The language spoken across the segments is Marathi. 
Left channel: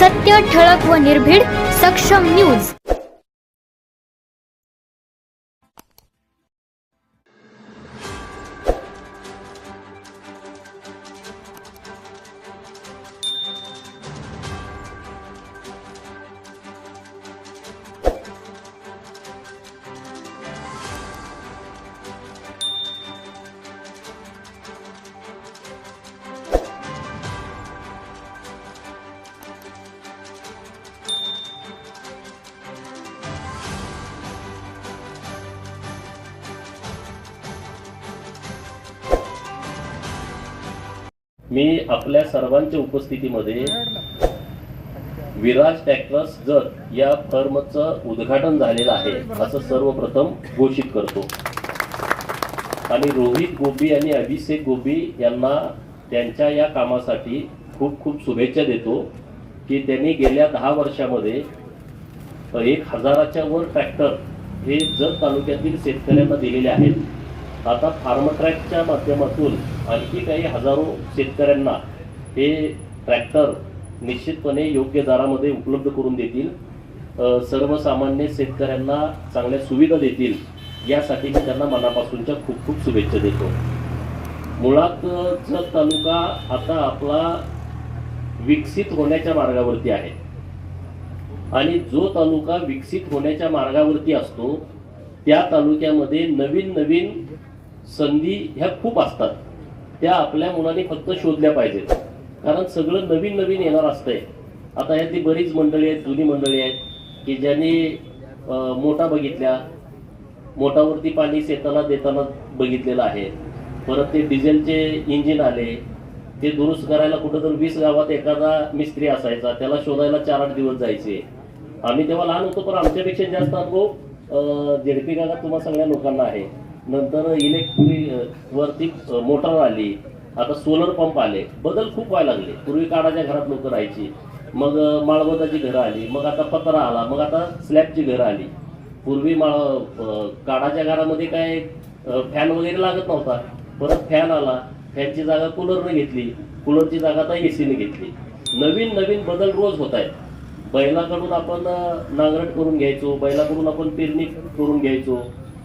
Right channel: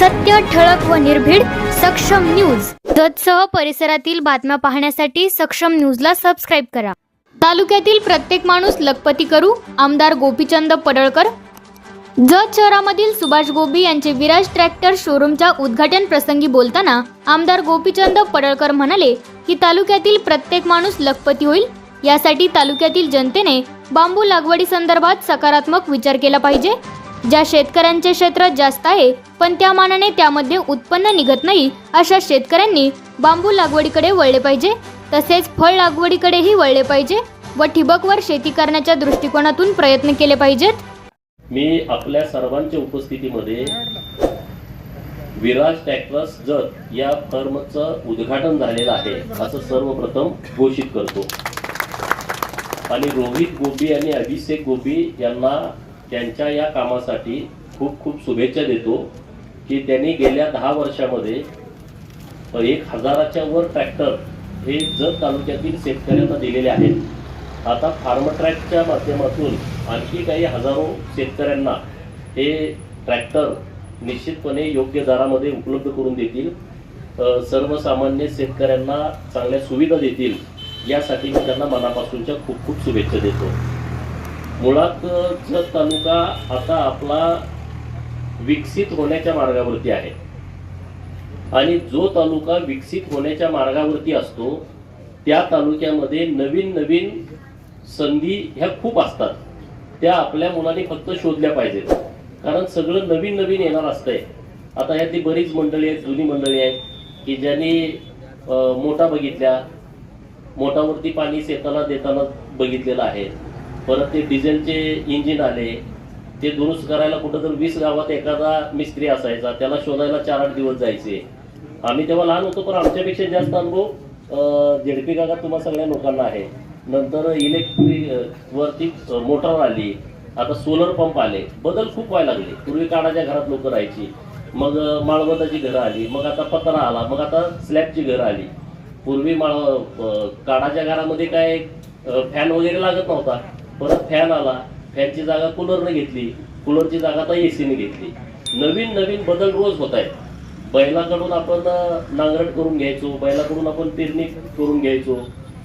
सत्य ठळक व निर्भीड सक्षम न्यूज. जतसह परिसरातील बातम्या पाहण्यासाठी सक्षम न्यूजला सबस्क्राईब करा. तालुक्यातील प्रत्येक माणूस लखपती करू आमदार गोपीचंद पडळकर. जत शहरामधील सुभाष गोबी यांचे विराज ट्रॅक्टर शोरूमच्या उद्घाटन प्रसंगी बोलताना आमदार गोपीचंद पडळकर म्हणाले की तालुक्यातील प्रत्येक माणूस लखपती होईल यासाठी तालुक्यातील जनतेने बांबू लागवडी संदर्भात सकारात्मक विचार केला पाहिजे. ज्या शेतकऱ्यांचे क्षेत्र जास्त आहे पण त्या मानाने त्यामध्ये उत्पन्न निघत नाही अशा शेतकऱ्यांनी बांबू लागवडीकडे वळले पाहिजे. तसेच फळ लागवडीकडेही वळले पाहिजे व ठिबकवर शेती करण्याच्या दृष्टिकोनातून प्रयत्न केले पाहिजेत. मी आपल्या सर्वांच्या उपस्थितीमध्ये विराज ट्रॅक्टर्स जत या फर्मचं उद्घाटन झालेलं आहे असं सर्वप्रथम घोषित करतो. आणि रोहित गोबी आणि अभिषेक गोबी यांना त्यांच्या या कामासाठी खूप खूप शुभेच्छा देतो की त्यांनी गेल्या दहा वर्षामध्ये एक हजाराच्या वर ट्रॅक्टर हे जत तालुक्यातील शेतकऱ्यांना दिलेले आहेत. आता फार्मट्रॅकच्या माध्यमातून आणखी काही हजारो शेतकऱ्यांना हे ट्रॅक्टर निश्चितपणे योग्य दरामध्ये उपलब्ध करून देतील. सर्वसामान्य शेतकऱ्यांना चांगल्या सुविधा देतील. यासाठी मी त्यांना मनापासूनच्या खूप खूप शुभेच्छा देतो. मुळातच तालुका आता आपला विकसित होण्याच्या मार्गावरती आहे. आणि जो तालुका विकसित होण्याच्या मार्गावरती असतो त्या तालुक्यामध्ये नवीन नवीन संधी ह्या खूप असतात. त्या आपल्या मुलांनी फक्त शोधल्या पाहिजेत. कारण सगळं नवीन नवीन येणार असतंय. आता यातली बरीच मंडळी आहेत जुनी मंडळी आहेत की ज्यांनी मोठा बघितल्या. मोठावरती पाणी शेताला देताना बघितलेलं आहे. परत ते डिझेलचे इंजिन आले ते दुरुस्त करायला कुठं तर वीस गावात एखादा मिस्त्री असायचा त्याला शोधायला चार आठ दिवस जायचे. आम्ही तेव्हा लहान होतो पण आमच्यापेक्षा जास्त अनुभव झेडपी गावात तुम्हाला सगळ्या लोकांना आहे. नंतर इलेक्ट्रिक वरती मोटर आली आता सोलर पंप आले. बदल खूप व्हायला लागले. पूर्वी काडाच्या घरात लोक राहायची. मग अं, माळवताची घरं आली मग आता पत्रा आला मग आता स्लॅबची घरं आली. पूर्वी माळ काळाच्या काडाच्या घरामध्ये काय फॅन वगैरे लागत नव्हता. परत फॅन आला फॅनची जागा कूलरने घेतली कूलरची जागा आता एसीने घेतली. नवीन नवीन बदल रोज होत आहेत. बैलाकडून आपण नांगरट करून घ्यायचो बैलाकडून आपण पेरणी करून घ्यायचो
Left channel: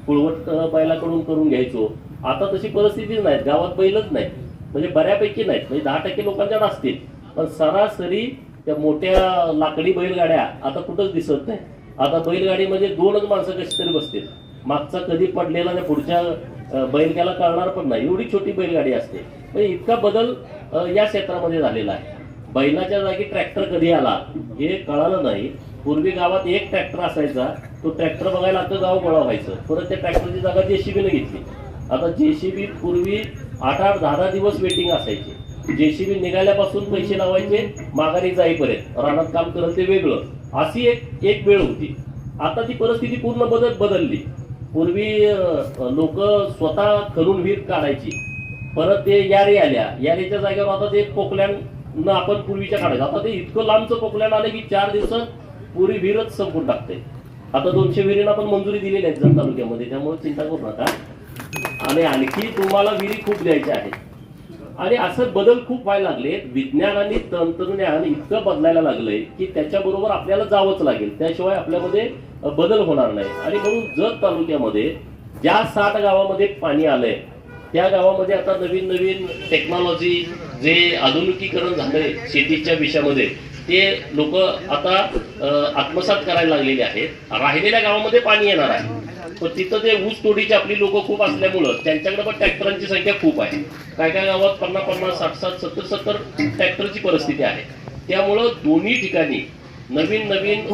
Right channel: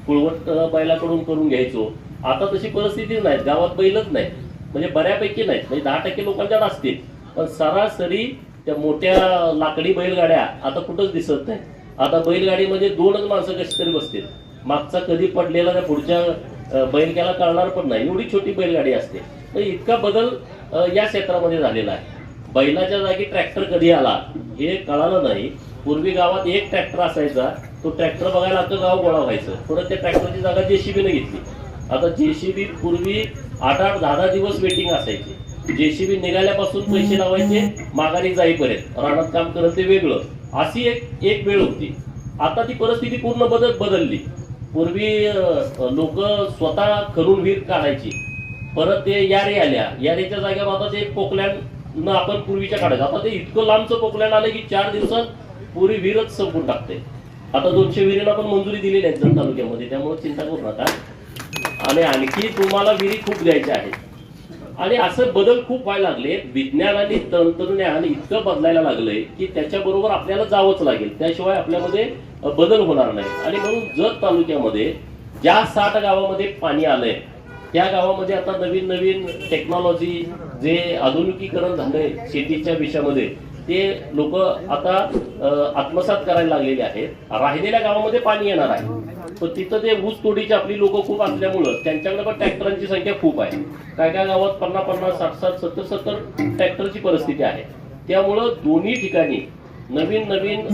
कुळवट बैलाकडून करून घ्यायचो. आता तशी परिस्थिती नाही गावात बैलच नाही म्हणजे बऱ्यापैकी नाहीत. म्हणजे दहा टक्के लोकांच्यात असतील. पण सरासरी त्या मोठ्या लाकडी बैलगाड्या आता कुठंच दिसत नाही आता बैलगाडीमध्ये म्हणजे दोनच माणसं कशी तरी बसतील. मागचा कधी पडलेला त्या पुढच्या बैलग्याला कळणार पण नाही. एवढी छोटी बैलगाडी असते. तर इतका बदल या क्षेत्रामध्ये झालेला आहे. बैलाच्या जागी ट्रॅक्टर कधी आला हे कळालं नाही. पूर्वी गावात एक ट्रॅक्टर असायचा तो ट्रॅक्टर बघायला आता गाव गोळा व्हायचं. परत त्या ट्रॅक्टरची जागा जेसीबीने घेतली. आता जेसीबी पूर्वी आठ आठ दहा दहा दिवस वेटिंग असायची. जेसीबी निघाल्यापासून पैसे लावायचे माघारी जाईपर्यंत. रानात काम करत ते वेगळं. अशी एक एक वेळ होती. आता ती परिस्थिती पूर्ण बदल बदलली. पूर्वी लोक स्वतः खणून विहीर काढायची. परत ते यारी आल्या. यारीच्या जागेवर आता ते न आपण पूर्वीच्या काढायचं. आता ते इतकं लांबचं पोकलँड आलं की चार दिवसात पुरी विहीरच संपून टाकते. आता दोनशे विहिरींना पण मंजुरी दिलेली आहे जत तालुक्यामध्ये. त्यामुळे चिंता करू नका. आणि आणखी तुम्हाला विहिरी खूप द्यायच्या आहेत. आणि असं बदल खूप व्हायला लागले. विज्ञान आणि तंत्रज्ञान इतकं बदलायला लागलंय की त्याच्याबरोबर आपल्याला जावंच लागेल. त्याशिवाय आपल्यामध्ये बदल होणार नाही. आणि म्हणून जत तालुक्यामध्ये ज्या साठ गावामध्ये पाणी आलंय त्या गावामध्ये आता नवीन नवीन टेक्नॉलॉजी जे आधुनिकीकरण झालंय शेतीच्या विषयामध्ये ते लोक आता आत्मसात करायला लागलेले आहेत. राहिलेल्या गावामध्ये पाणी येणार आहे. तर तिथं ते ऊस तोडीची आपली लोक खूप असल्यामुळं त्यांच्याकडे पण ट्रॅक्टरांची संख्या खूप आहे. काय काय गावात पन्नास पन्नास साठ साठ सत्तर सत्तर ट्रॅक्टरची परिस्थिती आहे. त्यामुळं दोन्ही ठिकाणी नवीन नवीन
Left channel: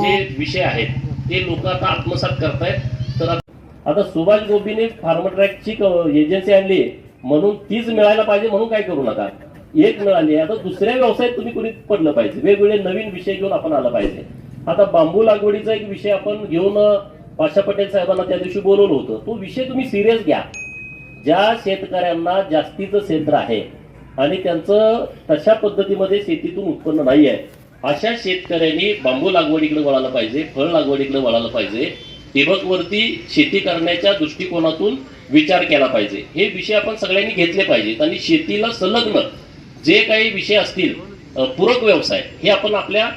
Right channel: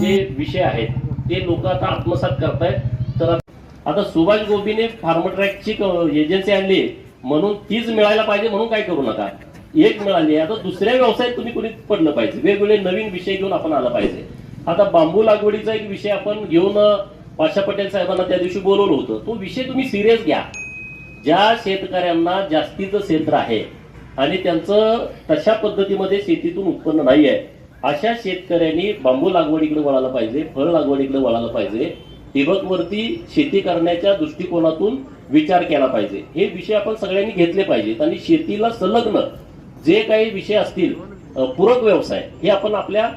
जे विषय आहेत ते लोक आता आत्मसात करतायत. तर आता सुभाष गोबीने फार्मट्रॅकची एजन्सी आणली म्हणून तीच मिळायला पाहिजे म्हणून काय करू नका. एक मिळाली आता दुसऱ्या व्यवसायात तुम्ही कुणी पडलं पाहिजे? वेगवेगळे नवीन विषय घेऊन आपण आला पाहिजे. आता बांबू लागवडीचा एक विषय आपण घेऊन पाशा पटेल साहेबांना त्या दिवशी बोलवलं होतं. तो विषय तुम्ही सिरियस घ्या. ज्या शेतकऱ्यांना जास्तीचं क्षेत्र आहे आणि त्यांचं तशा पद्धतीमध्ये शेतीतून उत्पन्न नाही आहे अशा शेतकऱ्यांनी बांबू लागवडीकडे वळायला पाहिजे फळ लागवडीकडे वळायला पाहिजे ठिबकवरती शेती करण्याच्या दृष्टिकोनातून विचार केला पाहिजे. हे विषय आपण सगळ्यांनी घेतले पाहिजेत आणि शेतीला संलग्न जे काही विषय असतील पूरक व्यवसाय हे आपण आपल्या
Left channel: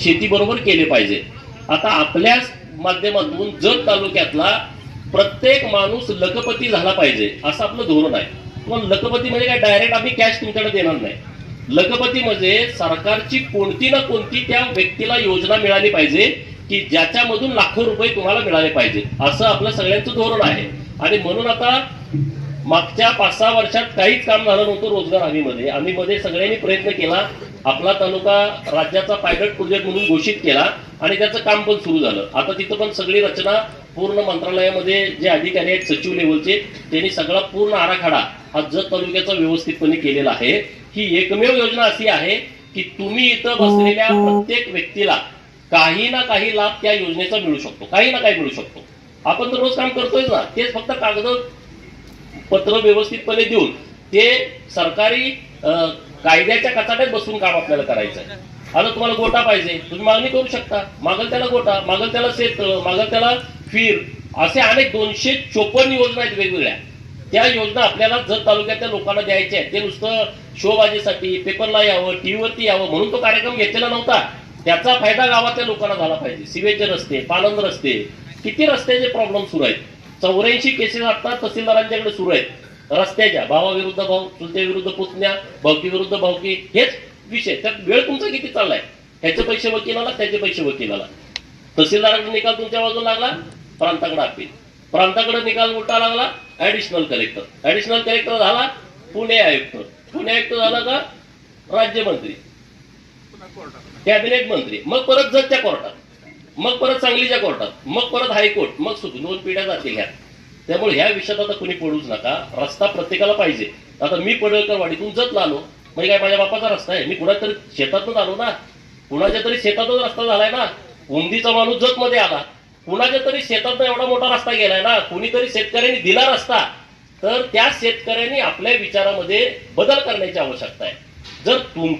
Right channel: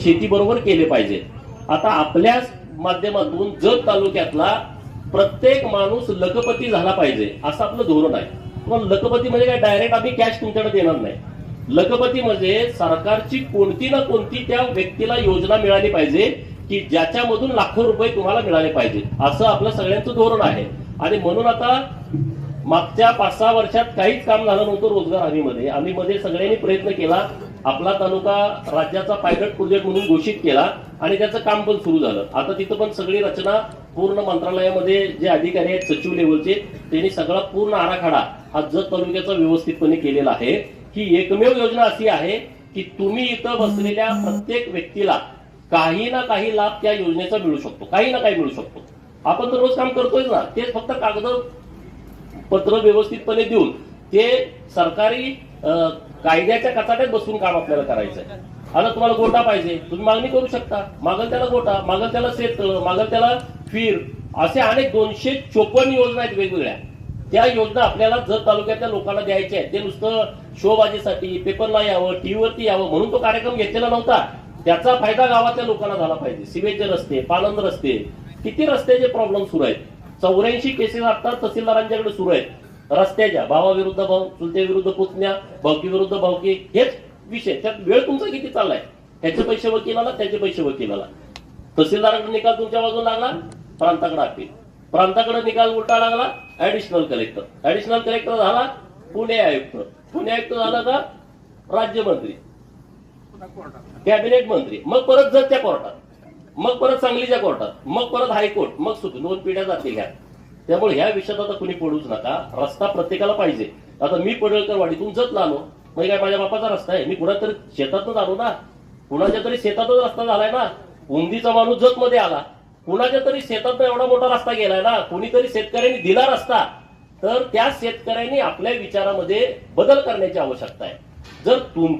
शेतीबरोबर केले पाहिजे आता आपल्या माध्यमातून जत तालुक्यातला प्रत्येक माणूस लखपती झाला पाहिजे असं आपलं धोरण आहे. पण लखपती म्हणजे काय? डायरेक्ट आम्ही कॅश तुमच्याकडे देणार नाही. लखपती म्हणजे सरकारची कोणती ना कोणती त्या व्यक्तीला योजना मिळाली पाहिजे की ज्याच्यामधून लाखो रुपये तुम्हाला मिळाले पाहिजे असं आपलं सगळ्यांचं धोरण आहे. आणि म्हणून आता मागच्या पाच सहा वर्षात काहीच काम झालं नव्हतं रोजगार हमीमध्ये. आम्ही मध्ये सगळ्यांनी प्रयत्न केला आपला तालुका राज्याचा पायलट प्रोजेक्ट म्हणून घोषित केला आणि त्याचं काम पण सुरू झालं. आता तिथं पण सगळी रचना पूर्ण मंत्रालयामध्ये जे अधिकारी आहेत सचिव लेवलचे त्यांनी सगळा पूर्ण आराखडा हा जत तालुक्याचा व्यवस्थितपणे केलेला आहे. ही एकमेव योजना अशी आहे की तुम्ही इथं बसलेल्या प्रत्येक व्यक्तीला काही ना काही लाभ त्या योजनेचा मिळू शकतो. काही ना काही मिळू शकतो. आपण तर रोज काम करतोय ना. तेच फक्त कागद पत्र व्यवस्थितपणे देऊन ते सरकारी कायद्याच्या कचाट्यात बसून काम आपल्याला करायचं आहे आता तुम्हाला गोटा पाहिजे. तुम्ही मागणी करू शकता. मागल त्याला गोटा मागल त्याला शेत मागल त्याला फिर असे अनेक दोनशे चोपन्न योजना आहेत वेगवेगळ्या. त्या योजना आपल्याला जत तालुक्यातल्या लोकांना द्यायच्या आहेत. ते नुसतं शोबाजीसाठी पेपरला यावं टीव्हीवरती यावं म्हणून तो कार्यक्रम घेतलेला नव्हता. त्याचा फायदा गावातल्या लोकांना झाला पाहिजे. सिवेचे रस्ते पालंद रस्ते किती रस्त्याचे प्रॉब्लेम सुरू आहेत? चौऱ्याऐंशी केसेस आता तहसीलदारांच्याकडे सुरू आहेत. रस्त्याच्या भावाविरुद्ध भाऊ चुलते विरुद्ध पुतण्या भावकी विरुद्ध भावकी हेच विषय. त्यात वेळ तुमचा किती चाललाय? ह्याचे पैसे वकिलाला त्याचे पैसे वकिलाला तहसीलदाराकडे निकाल तुमच्या बाजूला लागला? प्रांताकडे अपील प्रांताकडे निकाल उलटा लागला ऍडिशनल कलेक्टर ऍडिशनल कलेक्टर झाला पुणे आयुक्त. पुणे आयुक्त झाला का? राज्यमंत्री. कॅबिनेट मंत्री. मग परत जतच्या कोर्टात. मग परत सांगलीच्या कोर्टात. मग परत हायकोर्ट. मग सुद्धा दोन पिढ्या जातील ह्या. त्यामुळे ह्या विषयात आता कुणी पडूच नका. रस्ता प्रत्येकाला पाहिजे. आता मी पडळकर वाडीतून जत आलो म्हणजे काय माझ्या बापाचा रस्ता आहे. मी कुणा तरी आलो ना. कुणाच्या तरी शेतातच रस्ता झालाय ना. उंदीचा माणूस जत मध्ये आला. कुणाच्या तरी शेतात एवढा मोठा रस्ता गेलाय ना. कुणीतरी शेतकऱ्यांनी दिला रस्ता. तर त्या शेतकऱ्यांनी आपल्या विचारामध्ये बदल करण्याची आवश्यकता आहे. जर तुम